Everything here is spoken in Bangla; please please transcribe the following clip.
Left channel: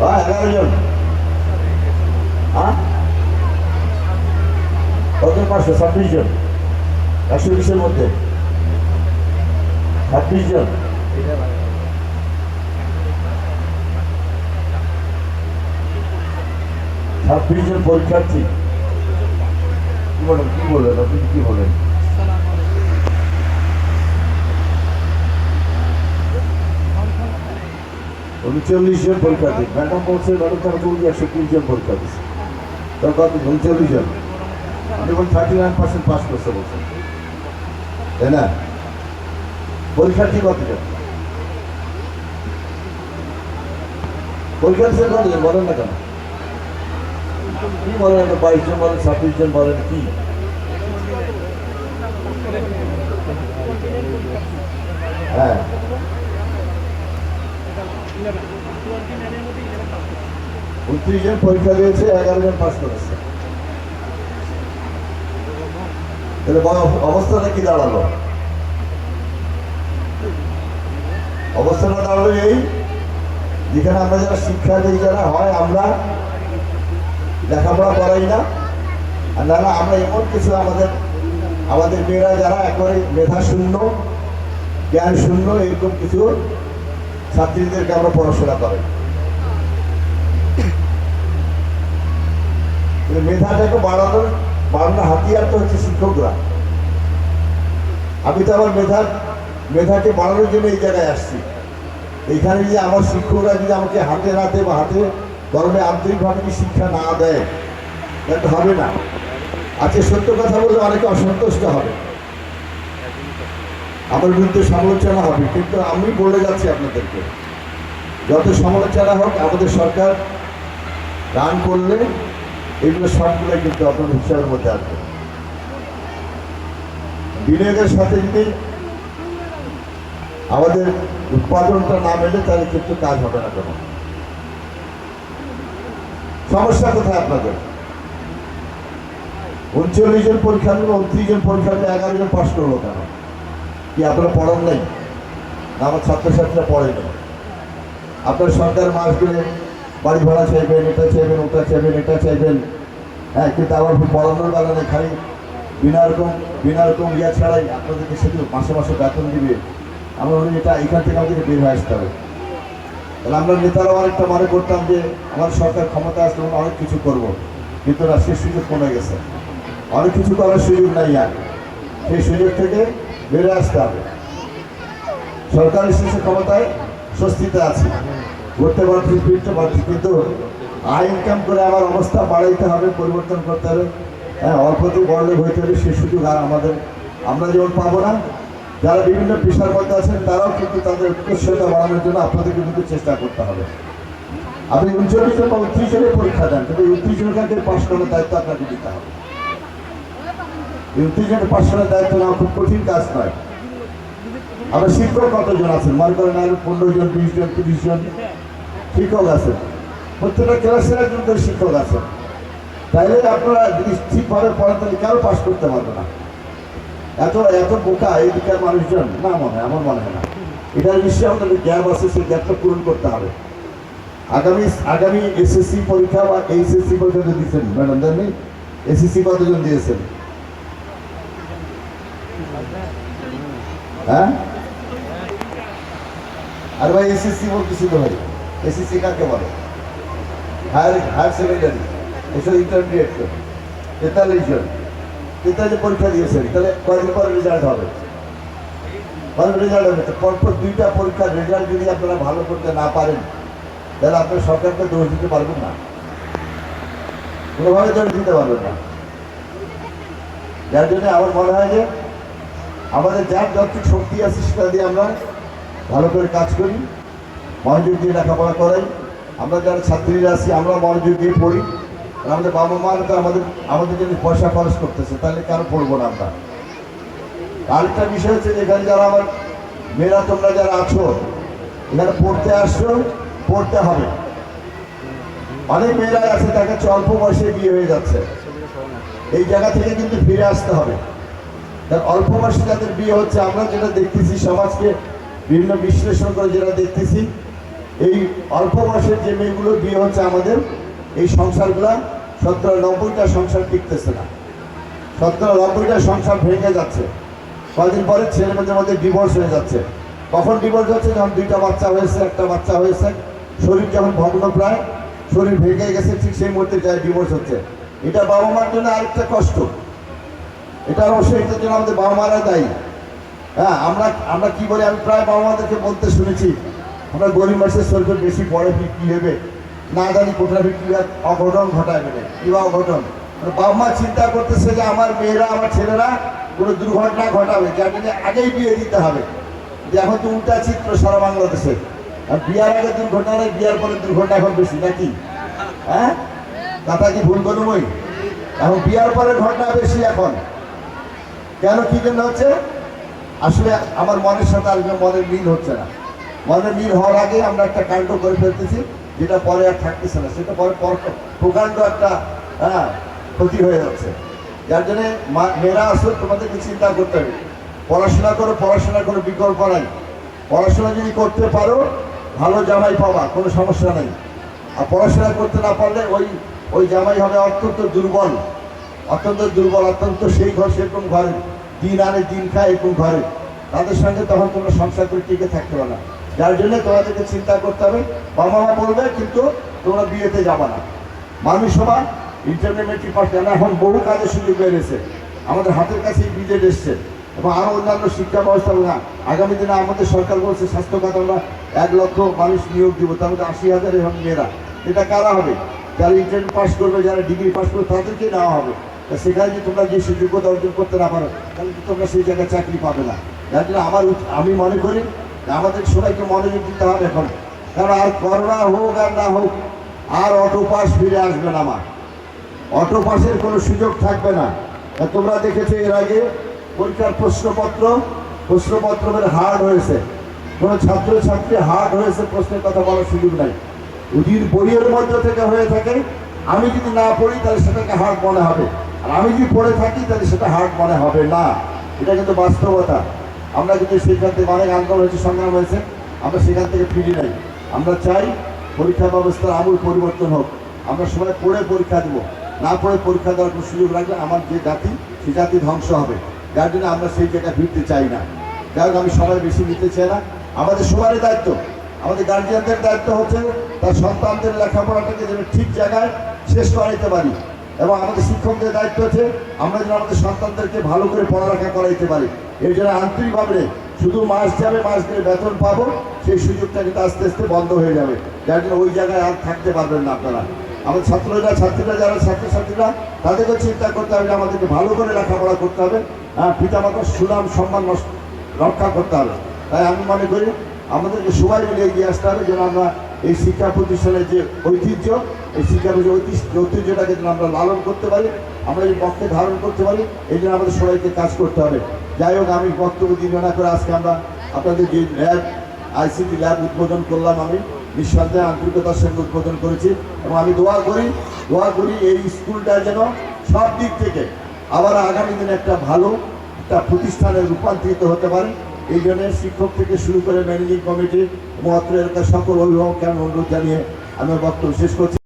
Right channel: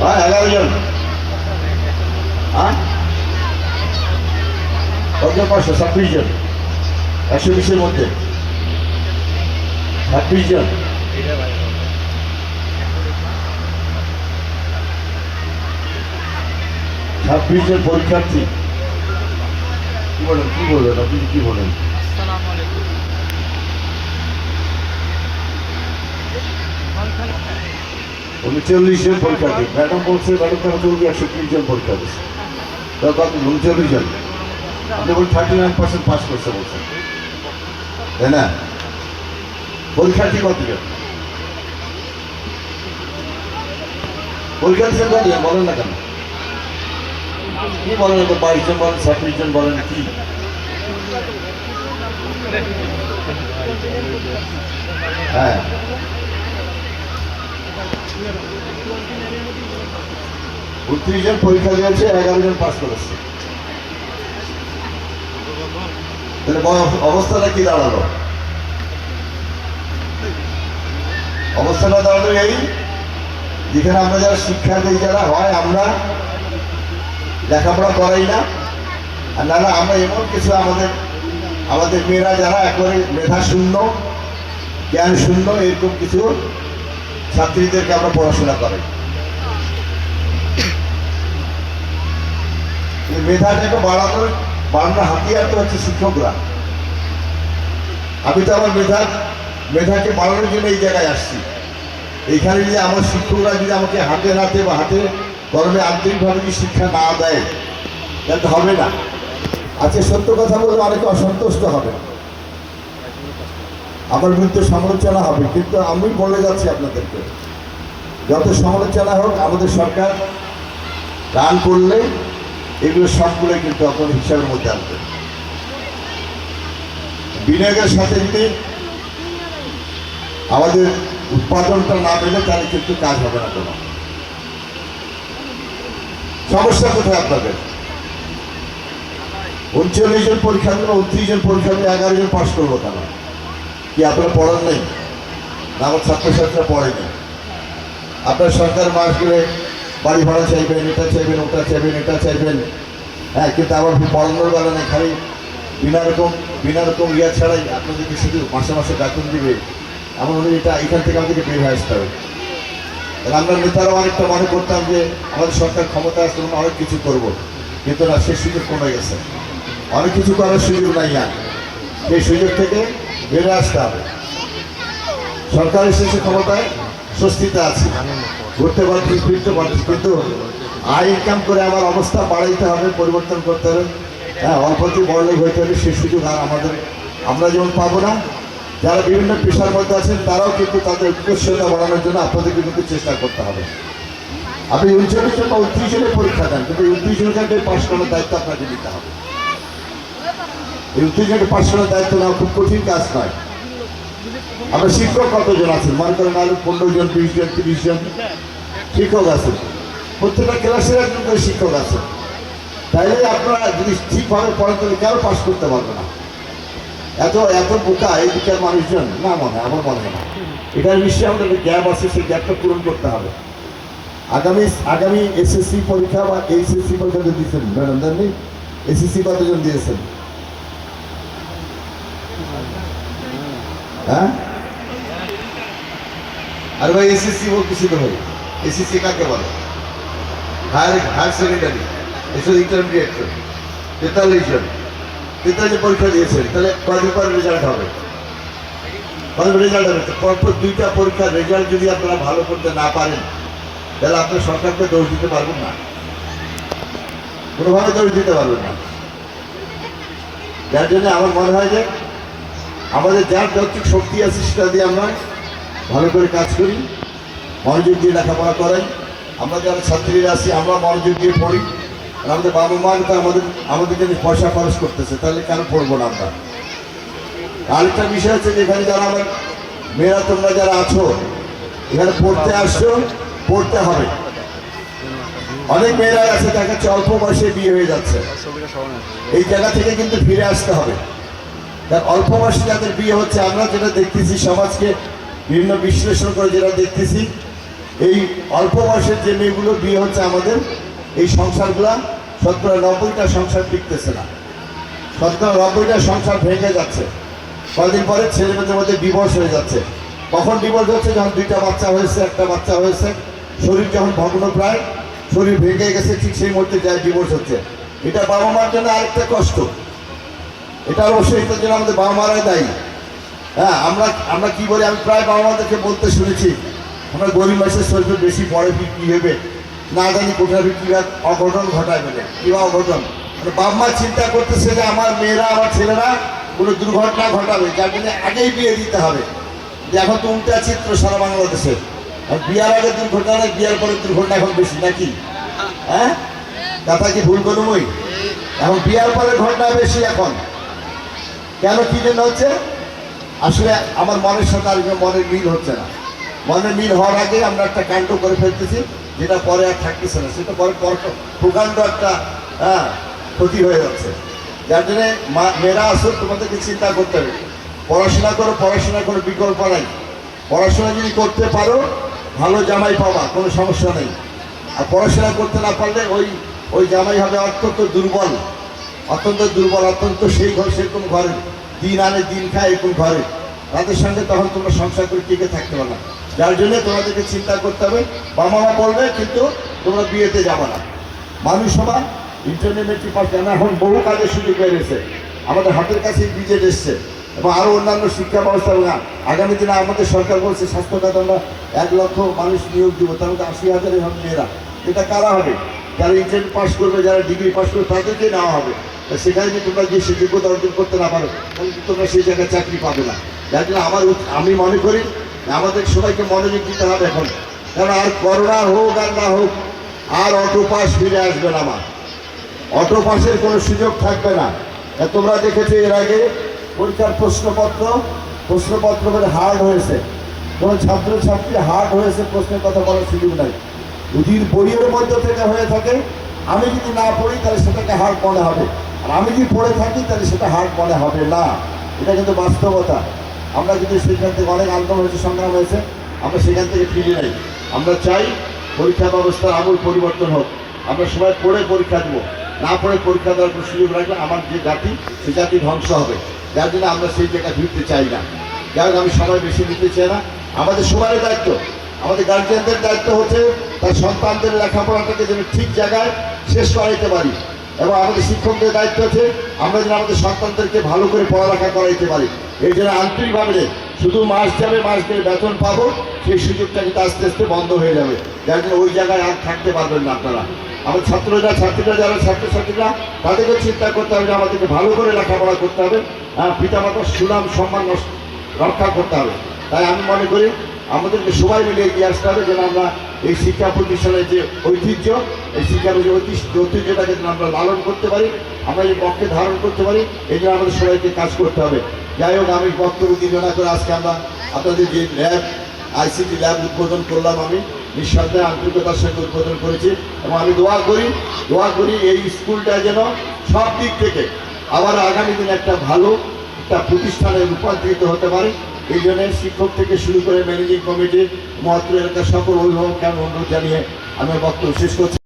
11 জন। কত 526 জন, 120-এর মধ্যে 26 জন। 26 জন পরীক্ষার্থী। কি বলেন আপনি কি বলেন? 39 জন পরীক্ষার্থী। ম্যাডাম বলছে ম্যাডাম তারা চলবে 130 জন পরীক্ষা দিচ্ছে। তার কত 39 জন। আপনি বলুন 39% পাস করছে বলছেন, তাই না? পরীক্ষার্থী কতজন? পরীক্ষার্থী বলেন না কেন? কি বলেন? 22 জন বলেন, 26 জন বলেন, কি? হ্যাঁ, 29 জন পরীক্ষা দিয়েছে, 11 জন পাস করেছে। তাহলে অবস্থাটা কি দাঁড়ালো? অবস্থাটা দাঁড়ালো এই, যেখানে আমরা যারা শিক্ষা দিই, যারা হয় আমরা লেখাপড়া করাই না, আর না আমরা এমন কিছু আমাদের মেয়েরা যারা একবারে মেধা শূন্য, জ্ঞান শূন্য, এরকম কিছু ছাত্রীদেরকে আমরা পড়াশোনা করাই। মেধাটাকে বাড়ানোর হাতিয়ার তো হচ্ছে শিক্ষকরা। আমি তো আমার মেধাকে বাড়ানোর জন্য এই জায়গায় আসছি। এইখানে যদি আমার শিক্ষকরা যদি আমাকে হাতে নাতে বা হাতে গরমে আন্তরিকভাবে যদি শিক্ষা না দেয়, তাহলে হবে না। আজকে সত্য কথা বললে অনেকে অসন্তুষ্ট হবে, আমার বিরুদ্ধে সমালোচনা হবে, কিন্তু আমি বলে যাচ্ছি আপনাদেরকে, যত সমালোচনা হোক, আমাদের সরকার দান করলে এগুলো সবগুলো কিন্তু আপনার হিসাবের মধ্যে আসবে। বিনিয়োগের সাথে যদি আমাদের উৎপাদনটা না মেলে, তাহলে কিন্তু কাজ হবে না। কোনো সমস্যা কোথায় আপনাদের? 39 জন পরীক্ষা দেবে, 29 জন পরীক্ষা দেবে, 11 জন পাস করবো কেন? কি আপনারা পড়ান নেই? না আমার ছাত্রছাত্রীরা পড়ে নেই? আপনার সরকার মাস গেলে বাড়ি ভাড়া চাইবেন, এটা চাইবেন, ওটা চাইবেন, এটা চাইবেন, হ্যাঁ, কিন্তু আমার পড়ানোর বেলা নেই। খালি বিনা রকম ইয়া ছাড়াই আপনাদেরকে শুধু মাসে মাসে বেতন দিবে। আমার মনে হয় এটা এখান থেকে আমাদেরকে বের হয়ে আসতে হবে। তাহলে আমরা নেতারা অনেকটা মনে করতাম যে আমাদের সরকার ক্ষমতা আসতে মানে অনেক কিছু করবো, কিন্তু না, সে সুযোগ কমে গেছে। অনেক কিছু করার সুযোগ নাই আর, সেই সুযোগ থেকে বেরিয়ে আসতে হবে। সরকার এসেছে ক্ষমতায়, স্বস্তিতে আছে, ঘুরতে পারছি, ফিরতে পারছি, কিন্তু আয় ইনকাম করে আমার অবস্থা বাড়াইতে হবে, পরিবর্তন করতে হবে। হ্যাঁ, অল্পতে বড়লোক হইতে হবে, সে সুযোগ আমরা যেমন পাবো না। যারা বিভিন্ন পেশার মধ্যে আছেন তারাও কিন্তু তাদের উৎকর্ষতা বাড়ানোর জন্য আপনাদেরকে কিন্তু চেষ্টা করতে হবে। আপনি 39 জন বা 29 জনের পরীক্ষা দেন, কিন্তু 29 জনকে পাশ করার দায়িত্ব আপনাকে দিতে হবে। 29 জনকে পাশ করার দায়িত্ব নেওয়া খুব কঠিন কাজ নয়। আমরা শিক্ষক কতজন আছেন? মনে করেন 15 জন, 20 জন, 30 জন শিক্ষক আছে, প্রত্যেকটা ক্লাসের একজন করে শিক্ষক আছে। তাইলে আপনারা যদি ঠিকভাবে পড়ান, তাহলে কেউ পাস করতে পারবে না। এত বোকা এই দিকের মানুষজন না, আমার মনে হয় না। এটার নিশ্চয়ই আমাদের গ্যাপ আছে, সেই গ্যাপটা পূরণ করতে হবে। আগামী এসএসসি পরীক্ষা বা এইচএসসি পরীক্ষা দিয়েছেন ম্যাডাম, জানি এসএসসি কতজন দিয়েছেন? হ্যাঁ, আর ভাই এসএসসি বলতেছি তো ভাই, এসএসসি কাকে বলে? হায়ার সেকেন্ডারি, এসব ইন্টারমিডিয়েট। 43 জন পরীক্ষা দিয়েছেন, তাহলে কয়দিন পর রেজাল্ট হবে? রেজাল্ট হবে, পরপর 2টা পরীক্ষার রেজাল্ট যদি আপনারা ভালো করতে না পারেন, তাহলে আপনার সরকারকে দোষ দিতে পারবেন না, কোনোভাবে দোষ দিতে পারবেন না। যার জন্য আমার মনে হয় যে আমাদের যার যত শক্তি আছে সেটা দিয়ে আমরা ভালো করে কাজ করি, মনোযোগ দিয়ে লেখাপড়া করাই। আমরা যারা ছাত্রীরা আছি আমরা মনোযোগ দিয়ে পড়ি। আর আমাদের বাবা মা তো আমাদের জন্য পয়সা খরচ করতেছে, তাহলে কেন পড়বো না আমরা? আরেকটা বিষয় হচ্ছে, এখানে যারা আমার মেয়েরা, তোমরা যারা আছো এখানে পড়তে আসছো, পড়তে হবে। অনেক মেয়েরাই আছে তাকে অল্প বয়সে বিয়ে হয়ে যাচ্ছে, এই জায়গা থেকে কিন্তু ফিরে আসতে হবে। অল্প বয়সে যাদের বিয়ে হচ্ছে, আমরা যেটা দেখতেছি সমাজকে বিভিন্ন বিশ্লেষণ করে যেটা দেখতেছি, এই অল্প বয়সের যে মেয়েগুলোর বিয়ে হচ্ছে আমাদের, এই সংসারগুলা 70-90টা সংসার টিকতেছে না, 70-90টা সংসার ভেঙে যাচ্ছে। কদিন পরে ছেলে মেয়েদের মধ্যে ডিভোর্স হয়ে যাচ্ছে। কখন ডিভোর্স হচ্ছে? যখন 2টা বাচ্চা হয়েছে, 1টা বাচ্চা হয়েছে, শরীর যখন ভগ্নপ্রায়, শরীর ভেঙে গেছে, ঠিক সেই মুহূর্তে যায় ডিভোর্স হচ্ছে। এটা বাবা মার জন্য আরেকটা কষ্ট। এটা অবশ্যই এটার জন্য আমাদের বাবা মারা দায়ী। হ্যাঁ, আমরা কি বলি, আমি প্রায় বাবা মাদেরকে বলতে শুনেছি, আমরা গরিব মাসের শরীরে বেশি পড়ে কি হবে না জানি, কোথায় কি অঘটন ঘটায়, মানে কিবা অঘটন। মানে বাবা মা চিন্তা করতেছে যে আমার মেয়েরা, আমার ছেলেরা কোনো দুর্ঘটনা ঘটাবে, যার জন্য আগেই বিয়ে দিতে হবে। এখন তো উল্টা চিত্র সারা বাংলাদেশে। বিয়ার আগে দুর্ঘটনা নেই, বিয়ার পরে দুর্ঘটনা এখন বেশি, নাকি? হ্যাঁ, কথা কি ভুল করুন? ওই এখন বিয়ার পরে ঘটনা বেশি এখন। কেন, কি জন্য হচ্ছে? আসলে আমার মনের সাথে আর মনের মিল হচ্ছে না। মনের মিল হওয়ার আগে আমরা একটা কাণ্ড করে ফেলতেছি, যেটা পরে আর থাকতেছে না, সেটা পরে প্রকাণ্ড একটা ক্ষতি হয়ে যাচ্ছে। যার জন্যে মেয়েরা আসলে তোমাদেরকে চিন্তা করতে হবে, পড়াশোনা করো, পড়াশোনার কোনো বিকল্প নাই। পড়াশোনা যদি করতে পারো, ভালো জামাই পাবা, কোনো সমস্যা নেই। আর পড়াশোনা করতে না পারলে ওই জামাই হবে অত্যন্ত দুর্বল, অত্যন্ত সেই ঘর সেরকম ঘরে, দিন আনে দিন খায় এরকম ঘরে, তাদের সঙ্গে তখন তোমরা সংসার করে টিকে থাকতে পারো না। যার জন্য তোমাদেরকে চিন্তা করতে হবে। বাবা মা বলবে কিন্তু তোমরা বিয়েতে যাবো না। মানুষ সবাই ইন্টারমিডিয়েট পাস, কেন এখন বহু কাজের সুযোগ বেড়েছে, আমাদের হাতের কাছে বিজেট এসছে, এবং আরও অন্যান্য শিক্ষা ব্যবস্থা। আগামী দিনে আমাদের সরকার বলছে স্বাস্থ্য খাতে আমরা 1 লক্ষ মানুষ নিয়োগ দিব, তার মধ্যে 80,000 এরকম মেয়েরা। এটা কারা হবে? যারা ইন্টারমিডিয়েট পাস করবে, যারা ডিগ্রি পাস করবে, তাদেরকে নেওয়া হবে। সেখানে যদি তোমরা যে যোগ্যতা অর্জন করতে না পারো, তাহলে তোমরা সেই জায়গায় চাকরি পাবে না। যার জন্য আমি মনে করি আমাদের সবাইকে মনোযোগ দিতে হবে এখন। কারণ আর করোনা হোক আর না হোক, আর অটো পাস ফিরে আসবে না। আমার অটো পাসের কোনো সুযোগ থাকবে না। তোমরা দেখেছো এর আগে পরীক্ষার প্রশ্নপত্র হার্ড হয়েছে, কোনো ছাত্রছাত্রী হার্ড হয়েছে, প্রশ্নের কথা বলার সুযোগ নাই। যদি বইয়ের মধ্যে থেকে হয়ে থাকে, আমি যদি না পড়ি তাহলে সেটাকে হার্ড মনে হবে, আর আমি যদি পড়ে থাকি তাহলে সেটা হার্ড মনে হবে না। এটা কিন্তু বাস্তবতা। আমরা কিন্তু সেখান থেকে অনেক আন্দোলন হয়েছে, সংগ্রাম হয়েছে, আমরা সেখান থেকে ফিরি নাই। আমরা চাই পরীক্ষা ব্যবস্থার আমূল পরিবর্তন হোক। আমরা সবাই পড়ে পরীক্ষা দেবো, না পড়ে পরীক্ষা দেওয়ার কোনো সুযোগ রাখলে আমার যে জাতি, সে জাতি ধ্বংস হবে। যার জন্য আমরা সেই জায়গায় ফিরতে চাই না। যাই হোক, আমি সময় বেশি নিতে চাই না। আমাদের সবারই দায়িত্ব, আমাদের গার্জিয়ানদের দায়িত্ব হচ্ছে তার সন্তানদের লেখাপড়াটাকে যেন ঠিক জায়গায় শেষ করাইতে পারি, এবং আমাদের শিক্ষকদের দায়িত্ব হচ্ছে আমরা যেন আমাদের সন্তানদেরকে ভালো করে পড়ালেখা করাইতে পারি। এই জন্য আন্তরিকভাবে শুধু মাস যাবে, মাস গেলে বেতন পাবো, সেই সুযোগটা কিন্তু আস্তে আস্তে বন্ধ হয়ে যাবে। যার জন্য ওই জায়গায় আর থাকতে পারবেন না আপনারা। আমার ছাত্রীরা যারা ছাত্রছাত্রীরা, তাদেরকে চিন্তা করতে হবে, আমাদেরকে ভালো করে লেখাপড়া করতে হবে, পিতামাতার সুনাম সম্মান রক্ষা করতে হবে। তাই আমি মনে করি আমাদেরকে সবাই মিলে এগিয়ে আসতে হবে, যেন আমরা এই শিক্ষা প্রতিষ্ঠানের যে ঐতিহ্য, এই শিক্ষার যে ঐতিহ্যটাকে যেন আমরা লালন করতে পারি, আমরা এই পক্ষে ধারণ করতে পারি, এই জন্য আমাদের সবাইকে কাজ করতে হবে। যাই হোক, আমি বক্তব্য দীর্ঘনা করে আজকে আমরা আপনাদের যে ল্যাব, ICT ল্যাব উদ্বোধন করলাম, আমি নিঃসন্দেহে আন্তরিকতার সঙ্গে উদ্বোধন করেছি, এবং আমি দোয়া করি এই স্কুলটা যেন সব দিক থেকে আবার আগামী দিনে একটা ভালো একটা প্রতিষ্ঠানে রূপান্তরিত হতে পারে। এই জন্য শিক্ষক থেকে শুরু করে ম্যানেজিং কমিটি, মহাত্র এলাকার সকল অভিভাবককে আমি অনুরোধ জানিয়ে আমার বক্তব্য শেষ করছি।